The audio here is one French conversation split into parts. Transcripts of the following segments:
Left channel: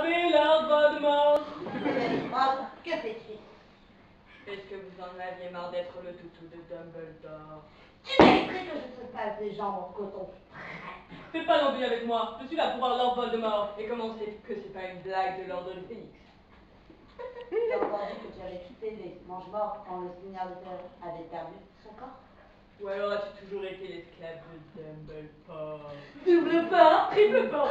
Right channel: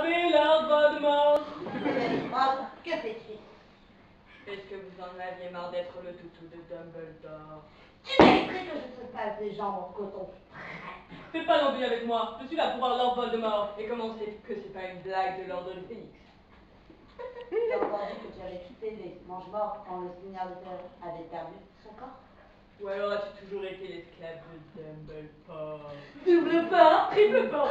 savez, Lord Voldemort. Que fait-il? Est-ce que vous en aviez marre d'être le toutou de Dumbledore? Tu mériterais que je te fasse des jambes en coton. Fais pas l'embrouille avec moi, je suis là pour voir Lord Voldemort. Et comment c'est que c'est pas une blague de l'ordre du Phénix? J'ai entendu que tu avais quitté les Mange-Morts quand le Seigneur de Terre avait perdu son corps. Ou alors as-tu toujours été l'esclave de Dumbledore? Double pas, triple pas.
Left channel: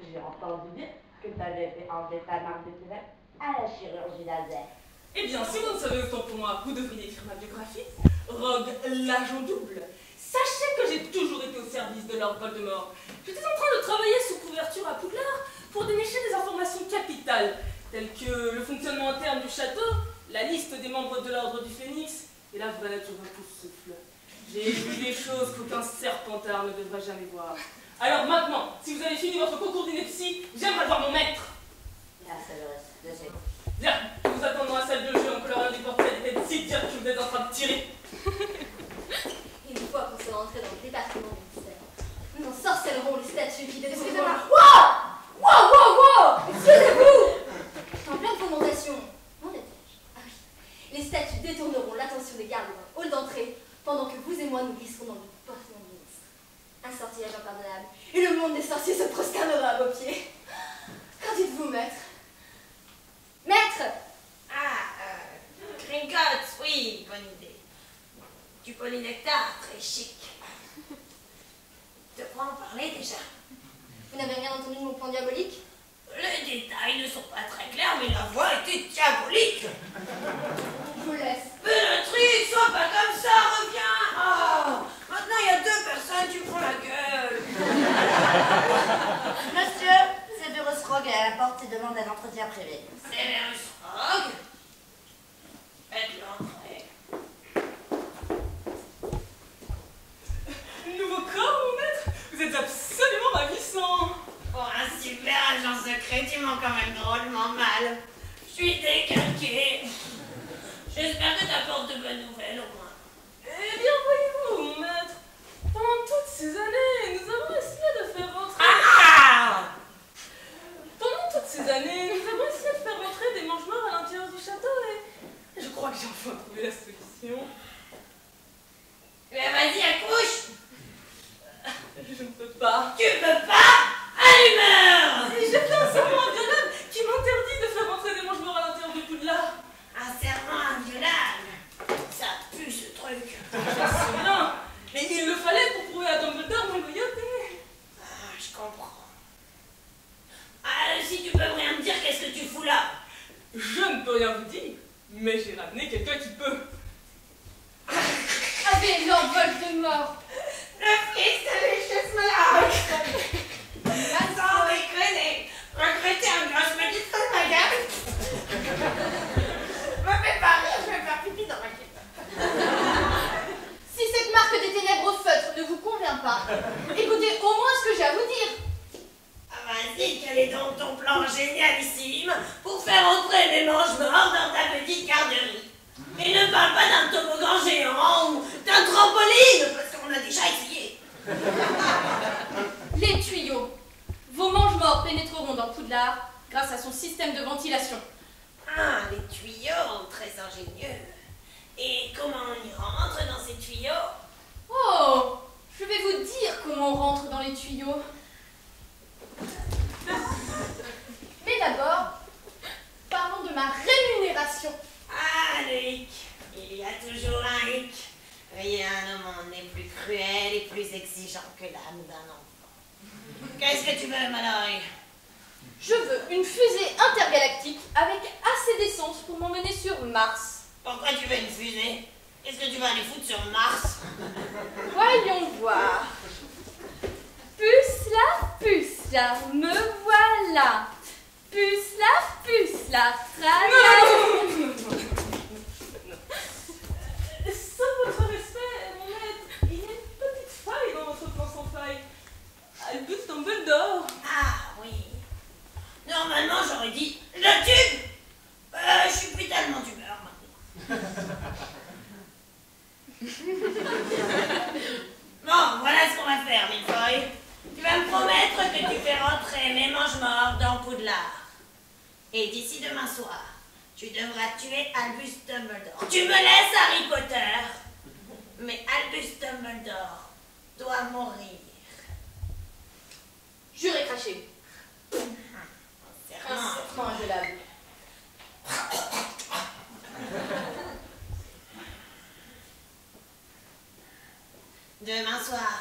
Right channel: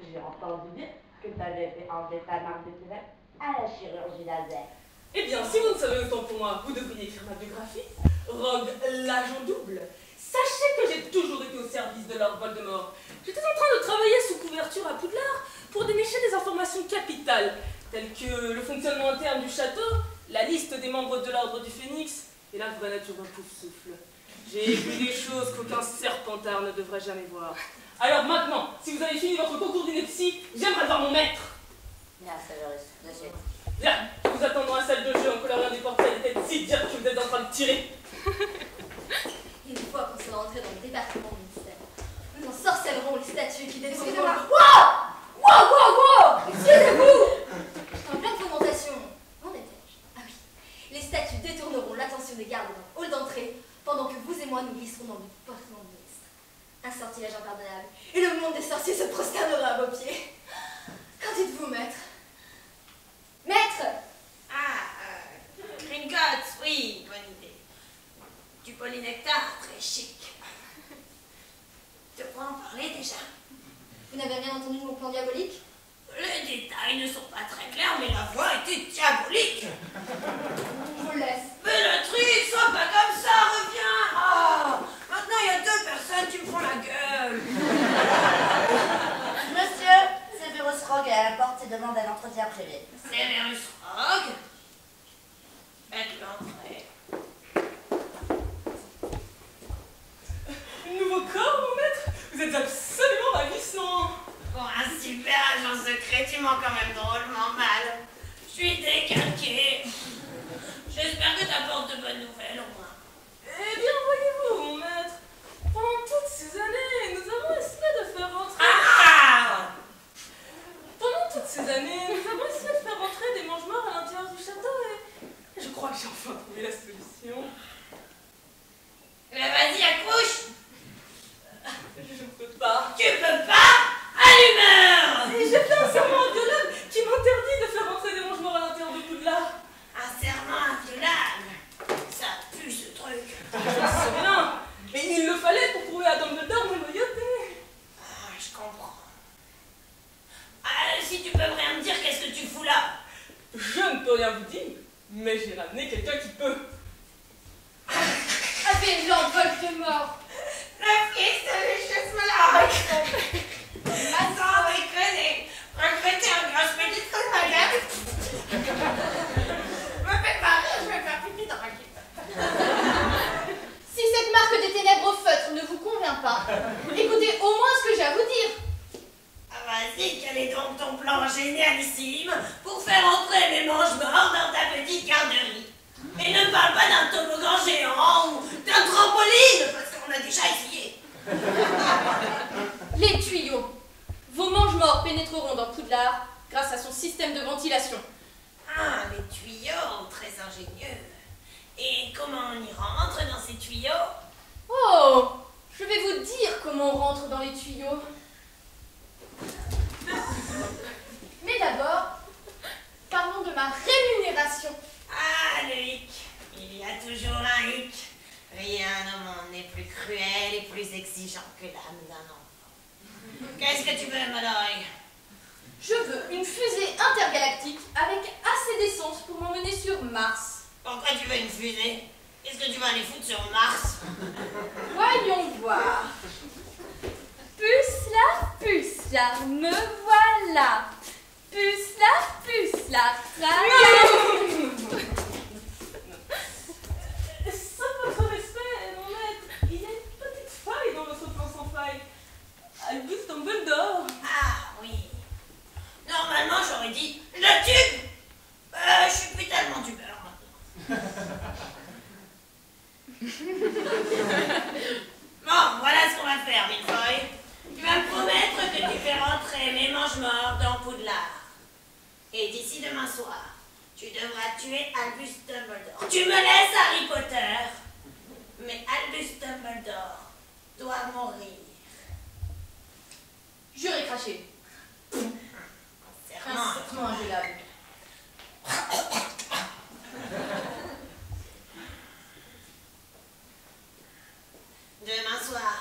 J'ai entendu dire que tu avais fait enlever ta marque de ténèbres à la chirurgie laser. Eh bien, si vous ne savez autant pour moi, vous devriez écrire ma biographie. Rogue l'agent double. Sachez que j'ai toujours été au service de Lord Voldemort. J'étais en train de travailler sous couverture à Poudlard pour dénicher des informations capitales, telles que le fonctionnement interne du château, la liste des membres de l'ordre du Phénix et la vraie nature d'un Poufsouffle. J'ai vu des choses qu'aucun serpentard ne devrait jamais voir. Alors maintenant, si vous avez fini votre concours d'ineptie, j'aimerais voir mon maître. Bien, Severus, de suite. Bien, nous vous attendons à la salle de jeu en coloriant des portraits des têtes si dures que vous êtes en train de tirer. Une fois qu'on sera entré dans le département du mystère, nous ensorcellerons les statues qui détruiront... Excusez-moi. Wow! Excusez-vous! En pleine fomentation. Où en étais-je? Ah oui. Les statues détourneront l'attention des gardes d'un hall d'entrée pendant que vous et moi nous glisserons dans du parfum ministre. Un sortilège impardonnable. Et le monde des sorciers se prosternera à vos pieds. Qu'en dites-vous, maître? Maître! Gringotts, oui, bonne idée. Du polynectar, très chic. De quoi en parler déjà? Vous n'avez rien entendu de mon plan diabolique? Les détails ne sont pas très clairs, mais la voix était diabolique. Je vous laisse. Bellatrix, sois pas comme ça, reviens. Ah, maintenant il y a 2 personnes qui me font la gueule. Monsieur, Severus Rogue est à la porte et demande un entretien privé. Severus Rogue? Faites l'entrée. Nouveau corps, mon maître? Vous êtes absolument ravissant. Pour un super agent secret, tu mens quand même drôlement mal. Je suis décalquée. J'espère que t'apportes de bonnes nouvelles au moins. Eh bien, voyez-vous, mon maître, pendant toutes ces années, nous avons essayé de faire rentrer... Ah! Pendant toutes ces années, nous avons essayé de faire rentrer des mange-morts à l'intérieur du château et je crois que j'ai enfin trouvé la solution. Vas-y, accouche. Je ne peux pas. Tu peux pas? À l'humeur. Et j'ai fait un serment inviolable qui m'interdit de faire rentrer des mange-morts à l'intérieur de Poudlard. Un serment inviolable. Ça pue ce truc. Je le sais bien. Et il le fallait pour prouver à Dumbledore ma loyauté. Ah, je comprends. Ah, si tu peux rien me dire, qu'est-ce que tu fous là? Je ne peux rien vous dire, mais j'ai ramené quelqu'un qui peut. Avez Lord Voldemort! Le fils de l'échef-là. Sans déconner. Regretter un gros, je me dis comme ma gueule. Me fais pas rire, je vais faire pipi dans ma kippe. Si cette marque des ténèbres au feutre ne vous convient pas, écoutez au moins ce que j'ai à vous dire. Ah vas-y, quel est donc ton plan génialissime pour faire entrer les mange-morts dans ta petite garderie? Et ne parle pas d'un toboggan géant ou d'un trampoline, parce qu'on a déjà essayé. Les tuyaux. Vos mange-morts pénétreront dans Poudlard grâce à son système de ventilation. Ah, les tuyaux, très ingénieux. Et comment on y rentre dans ces tuyaux? Oh, je vais vous dire comment on rentre dans les tuyaux. Mais d'abord, parlons de ma rémunération. Ah, le hic. Il y a toujours un hic. Rien au monde n'est plus cruel et plus exigeant que l'âme d'un enfant. Qu'est-ce que tu veux, Mallory? Je veux une fusée intergalactique avec assez d'essence pour m'emmener sur Mars. Pourquoi tu veux une fusée? Qu'est-ce que tu vas aller foutre sur Mars? Voyons voir. Pucelard, me voilà. Pucelard, tralala. Sans votre respect, mon maître, il y a une petite faille dans votre plan sans faille. Albus Dumbledore. Ah, oui. Normalement, j'aurais dit le tube. Je suis plus tellement tumeur maintenant. Bon, voilà ce qu'on va faire, Milfoy. Tu vas me promettre Poudlard. Et d'ici demain soir, tu devras tuer Albus Dumbledore. Tu me laisses, Harry Potter? Mais Albus Dumbledore doit mourir. Juré craché. Serment. Serment inviolable. Demain soir,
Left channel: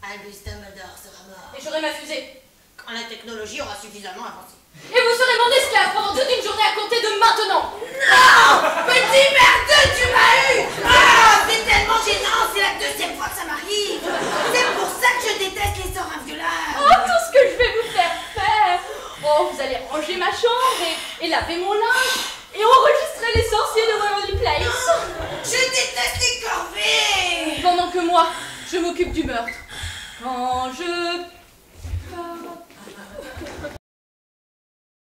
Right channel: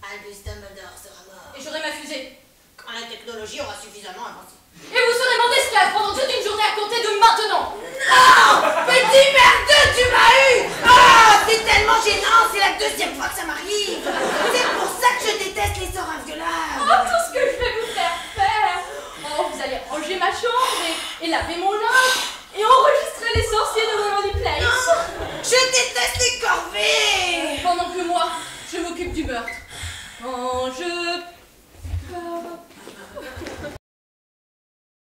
Albus Dumbledore sera mort. Et j'aurai ma fusée. Quand la technologie aura suffisamment avancé. Et vous serez mon esclave pendant toute une journée à compter de maintenant. Non! Petit merdeux, tu m'as eu! Ah! C'est tellement gênant, c'est la deuxième fois que ça m'arrive! C'est pour ça que je déteste les sorts inviolables! Oh, tout ce que je vais vous faire faire. Oh, vous allez ranger ma chambre et laver mon linge et enregistrer les sorciers de Waverly Place. Non! Je déteste les corvées! Pendant que moi, je m'occupe du meurtre. Quand je